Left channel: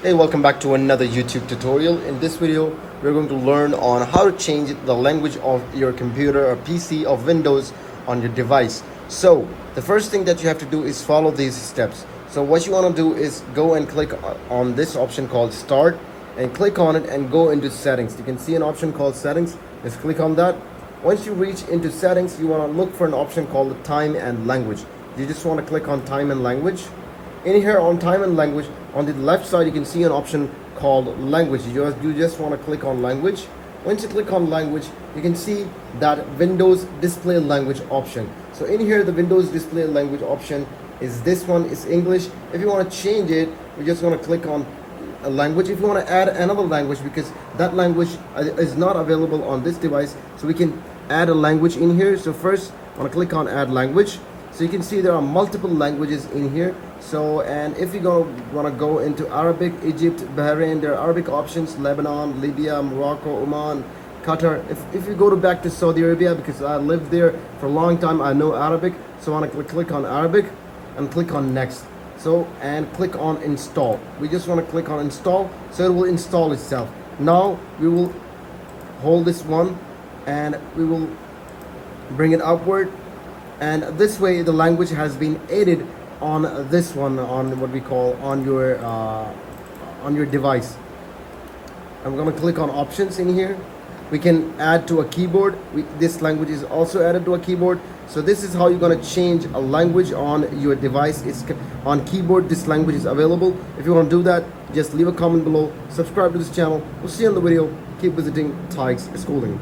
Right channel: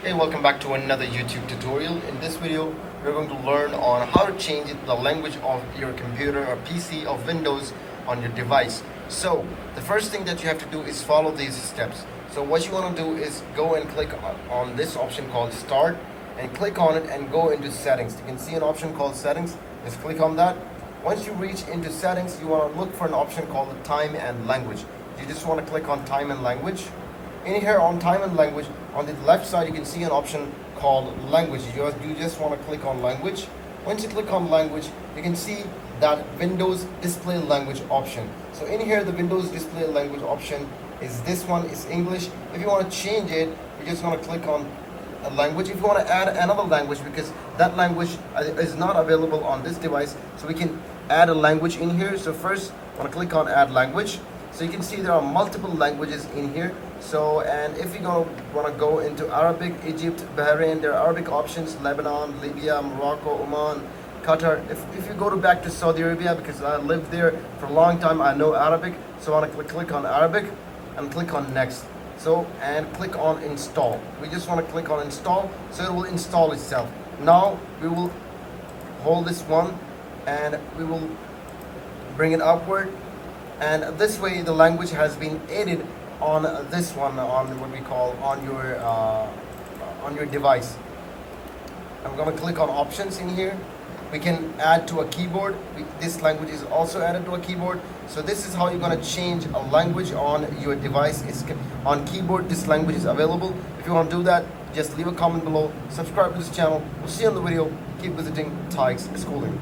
Hey, welcome back to another YouTube tutorial. In this video, we're going to learn on how to change the language of your computer or PC or Windows on your device. So, the first thing that you have to do is follow these steps. So what you want to do is go and click on this option called Start and click on it and go into Settings. You can see an option called Settings. Just click on that. Once you reach into Settings, you want to look for an option called Time and Language. You just want to click on Time and Language. In here on Time and Language, on the left side you can see an option called Language. You just want to click on Language. Once you click on Language, you can see that Windows Display Language option. So in here the Windows Display Language option is this one, is English. If you want to change it, you just want to click on a language. If you want to add another language, because that language is not available on this device, so we can add a language in here. So first I want to click on Add Language. So you can see there are multiple languages in here. So, and if you want to go into Arabic, Egypt, Bahrain, there are Arabic options, Lebanon, Libya, Morocco, Oman, Qatar. If you go back to Saudi Arabia, because I lived there for a long time, I know Arabic. So I want to click on Arabic and click on Next. So, and click on Install. We just want to click on Install, so it will install itself. Now we will hold this one and we will bring it upward, and this way the language has been added on this one, on what we call on your device. I'm going to click on options in here. We can add to a keyboard. This language is also added to a keyboard. So this is how you're going to change a language on your device. It's on keyboard, this language is available. If you want to do that, just leave a comment below, subscribe to this channel. We'll see you on the video. Keep visiting Tykes Schooling.